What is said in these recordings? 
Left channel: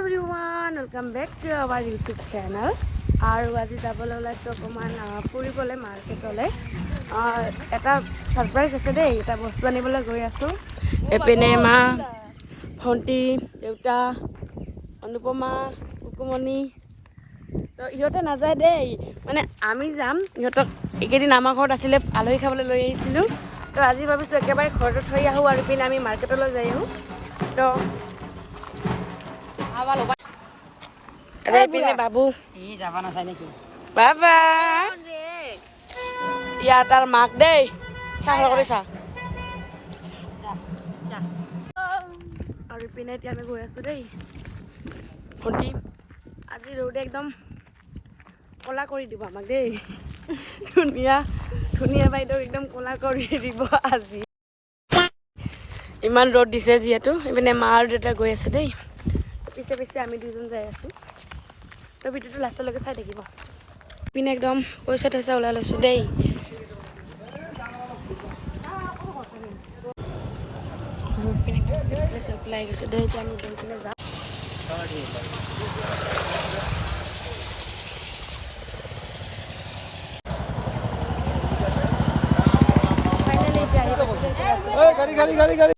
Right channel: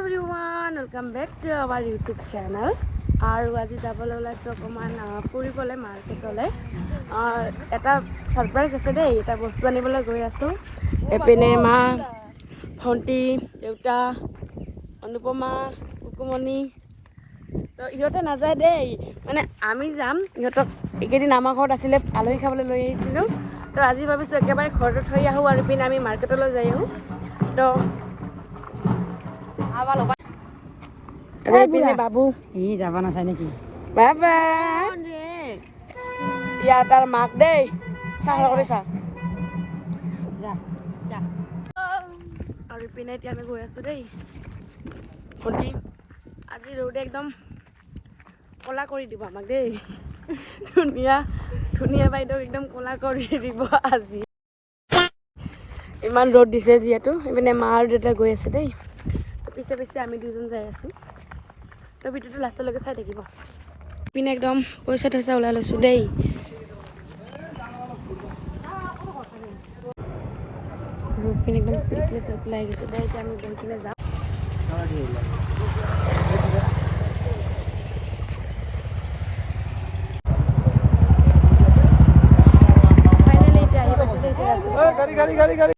everyone, welcome back to our YouTube channel. আৰু আজি যাবলৈ ওলাইছো অকমান ফুৰিবলৈ মাৰ্কেটলৈ। এটা সাৰপ্ৰাইজ আছে দেই, এটা বস্তু আনিবলৈ গৈ আছো। এপিনে মা, ভণ্টি, দেউতা, অনুপমা, কুকুমণি তো ইহঁতে নাযায় দেই, মানে আমি যাম। ইহঁতক এইকেইদিন আমাৰ ঘৰত আছিলে, আলহী খাবলৈ লৈ আহিছিলোঁ। তো আজি ভাবিছোঁ একেবাৰে ঘৰতে থৈ আহোঁ আৰু ইপিনে আমি মাৰ্কেটলৈ যাই আহোঁ। তো পিনে বাবু যাব নাচায় নেকি? বাবা ইয়াৰ তাৰ মাক দেই চাহ কৰিছা আৰু ইপিনে এতিয়া আমি গৈ আছোঁ দেই। ভণ্টি আজি ৰ'দে একদম ক'লা কৰি দিব আমাক দেই। ধুনীয়া ধুনীয়া বাইদেউ একদম ক'লা কৰি দিব আজি। ইমান ৰ'দ দিছে যিহেতু। ইপিনে মা আৰু দেউতা গৈ আছে দেই, পিছে পিছে আমি দুজন যাই আছোঁ। তো ভিডিঅ'টো লাষ্টলৈকে চাই থাকিব। পিনে একদম পইচা থৈছা ওলাই লৈছোঁ দেই। আৰু পিনে একদম পিলপিলাই চিলপিলাই গৈছে দেই। এতিয়া আমি গৈ পিনে যাম। ফাইনেলি এতিয়া আহি পাইছোঁ দেই।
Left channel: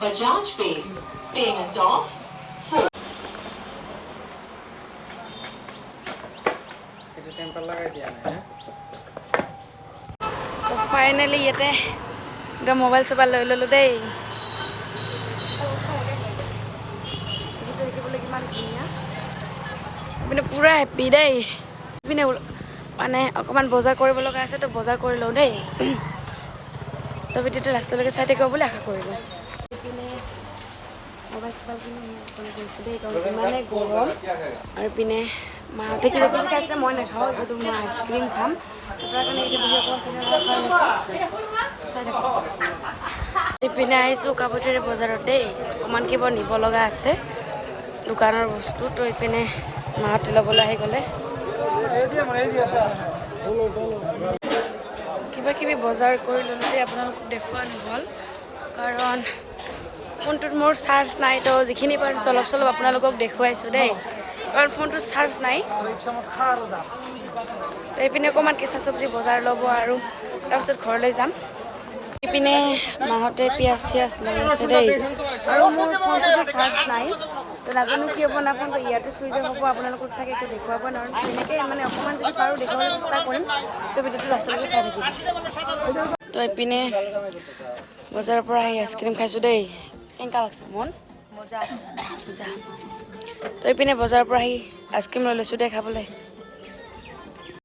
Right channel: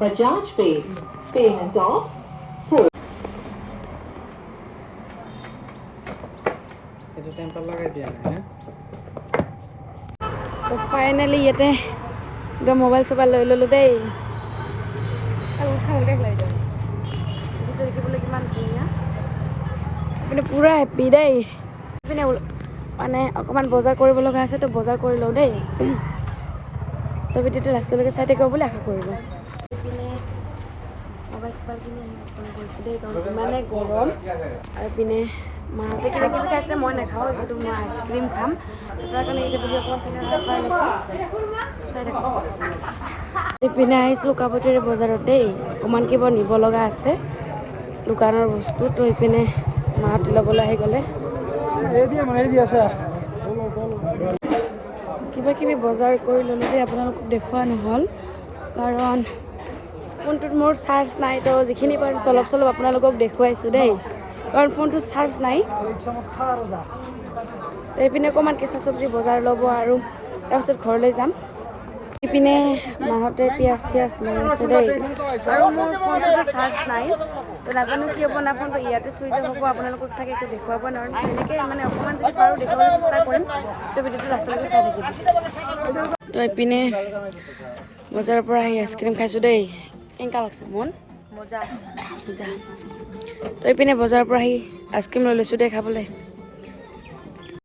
Bajaj Pay. Payment of 4. তো ফাইনেলি ইয়াতে একদম মোবাইল চোবাইল লৈ ল'লোঁ দেই। দেখিবলৈ কিমান ধুনীয়া, কিন্তু পুৰা হেপ্পী দেই। পিনে মানে অকণমান বজাৰ কৰিব লগা আছে, তো বজাৰ কৰি লওঁ দেই। তো ভিডিঅ'টো লাষ্টলৈকে চাই থাকিব বুলি আশা কৰিলোঁ। ইপিনে মোবাইল চোবাইল কিনে একদম গৈছোঁ দেই, কাৰণ ইমানে গৰম। আৰু ইপিনে মাহঁতে কিবা কিবি খাইছে, মই নাখাওঁ, যিহেতু মই আইচক্ৰীম খাম। তাৰ কাৰণে এতিয়া বহি অকণমান খাই লৈছোঁ, চাই থাকোঁ। ইপিনে আহিছোঁ কাপোৰটোৰে বজাৰত দেই, অকণমান কিবা নিব লগা আছে দোকানৰ বস্তু। তো ইপিনে মাহঁতে ল'বলৈ আহি গ'লে কিবা কিবি বজাৰ কৰি ল'লোঁ দেই। আপোনালোকক দেখুওৱা নহ'ল কাৰণ ফোনটোত মোৰ চাৰ্জ নাই। তো যিখিনি পাৰিছোঁ অলপ চলপ আপোনালোকক দেখুৱাইছোঁ দেই, কাৰণ ফোনটোত চাৰ্জ নাই। তো এইপিনে অকণমান কেঁচা চব্জি বজাৰ ল'ব আৰু তাৰপিছত ঘৰলৈ যাম। ইপিনে মাহঁতে পিঁয়াজ থিয়াজ লৈ আছে দেই, আৰু মোৰ ফোনটোতো চাৰ্জ নাই। তো নাজানো কি হ'ব না, ফোনটো ইয়াতে চুইচ অফ হ'ব। আপোনালোকক চাগে একো দেখুৱাব নোৱাৰিম, এনেকৈ মানে অকণমান যদি পাৰোঁ দেখুৱাবলৈ চেষ্টা কৰিম। তো ভিডিঅ'টো লাষ্টলৈকে চাই থাকিব। তো এইপিনে বজাৰৰ পৰা আহি আইচক্ৰীম খাইছোঁ দেই। কেনেকুৱা লাগছে মন? মজা মজা। তো এইপিনে বজাৰৰ পৰা আহি আইচক্ৰীম লৈ লৈছোঁ দেই খাবলৈ।